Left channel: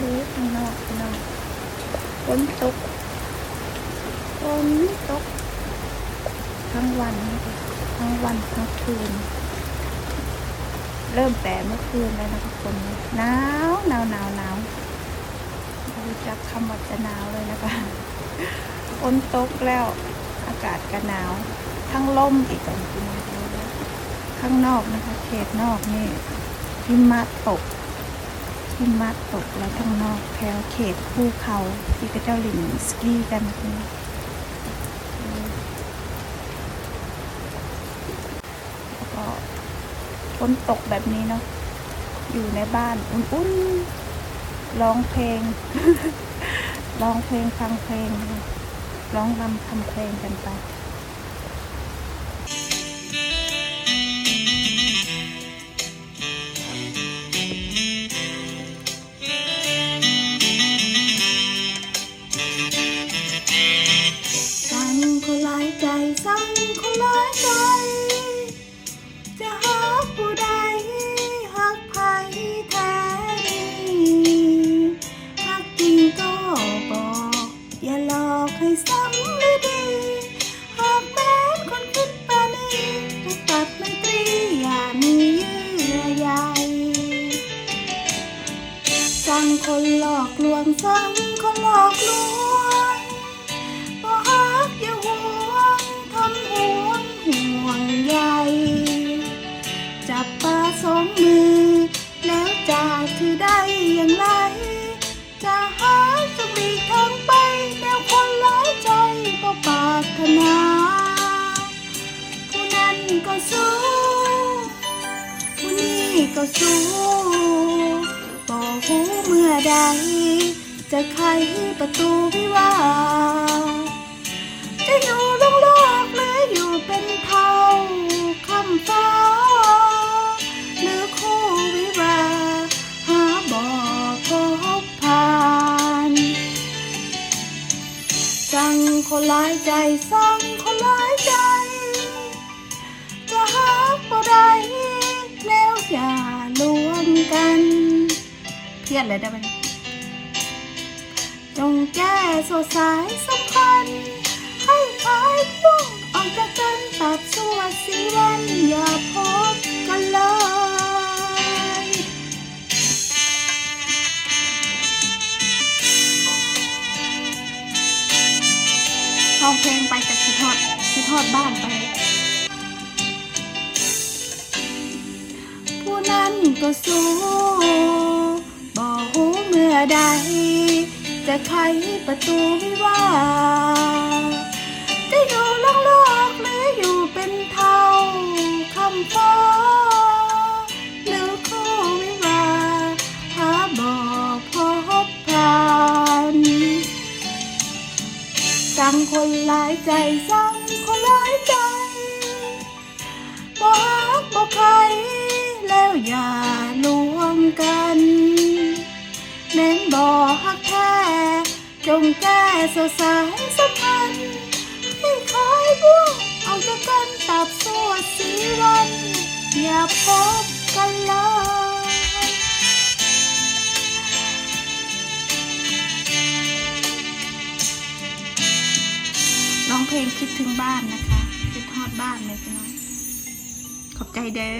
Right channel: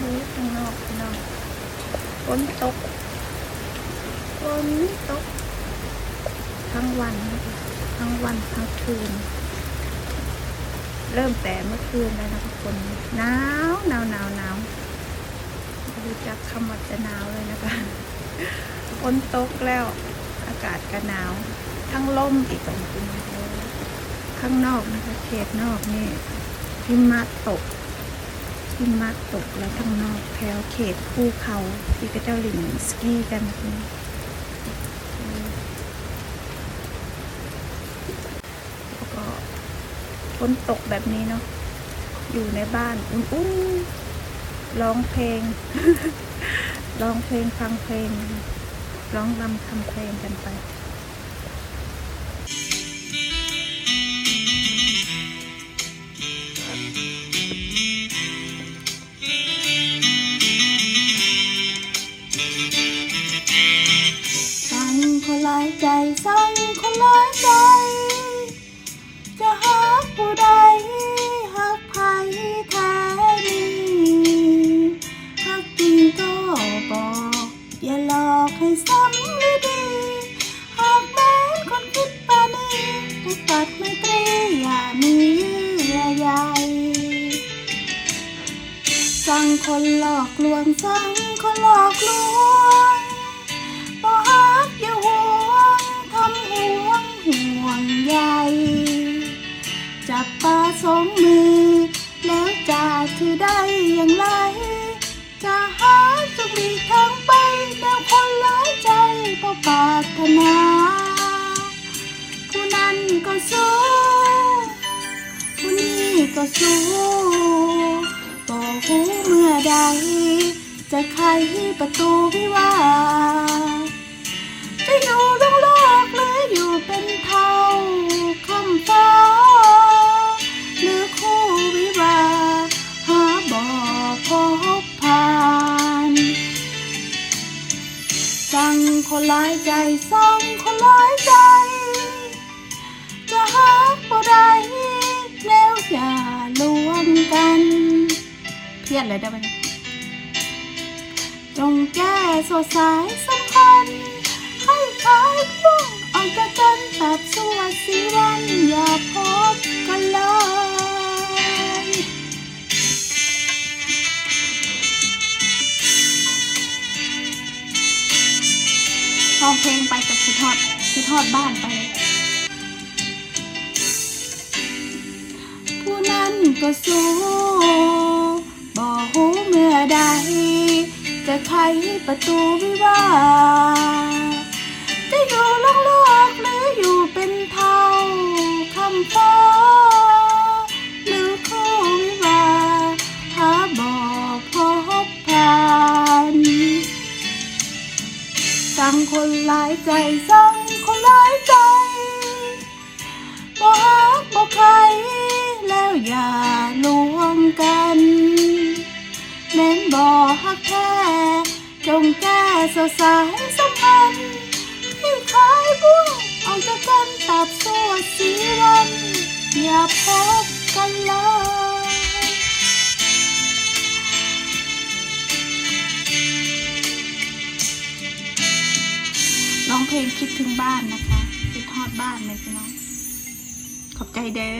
ดูข้างนอกน้องฝนตกฝนตก ทั้งวันนะคะทั้งวันทั้งคืน เริ่มแต่เมื่อคืนแล้วนะทุกคนหนาวหนาวหนาวหนาวรู้จักคำว่าจะหนาวเลยนะคะฝนตกแล้วอากาศก็หนาว ทั้งลมอีกตรงนี้ข้างนอกนะคะ เขตนอกนี่หิมะตก หิมะตกแล้วข้างนอกแถวเขตภูเขาที่กระเจ้าหลิงสกีกันนี่ก็ฝนตกแบบนี้เนาะอยู่ในบ้านอุ่นร้องเพลง ร้องเพลงฟังเพลง ร้องรำทำเพลงกันไป ใจสั่งคนหลายใจ จะหาผู้ใดหักใครแท้ดีหักจริงก็บอก อย่าหลอกให้ซ้ำหรือดีหากแม้นคนคิดปานีให้ตัดไม่ตรีอย่ามีเยื่อใยสั่งคนหลอกลวงสั่งคนหลอกลวง จะถือได้อย่างไร จะหาจะปลีกทางไปแต่คนหลายใจก็ปรารถนาผู้นั้นก็สู้ผู้นี้ก็สู้บอกหูเมื่อใด จะไขประตูวิวาจะอยู่โลกโลกหรืออยู่เป็นเท่าคำฟ้าายใจสองคนหลายใจ จะหาบบ่ไดแล้วอย่ารวมกัน เพี้ยนเลยได้ไหมจงแก้สดสายสัมพันธ์ให้คลายพวกออกจากกันตัดสัวสีวันอย่าพ เพลงไปกับคิดทอดคิดทอดบ้านไป ผู้นั้นก็สู้บอกหูเมื่อใด จะไขประตูวิวา สั่งคนหลายใจสั่งคนหลายใจบ่ฮักบ่ใครแล้วอย่าลวงกันเน้นบ่ฮักแท้จงแก้สสายสัมพันธ์ให้คายบ่วงออกจากกันตับสวดสีวันอย่าพบ องเพลงคิดถึงบ้านนะคะ คิดทอดบ้านเลยพี่น้อง ขอบใจเด้อ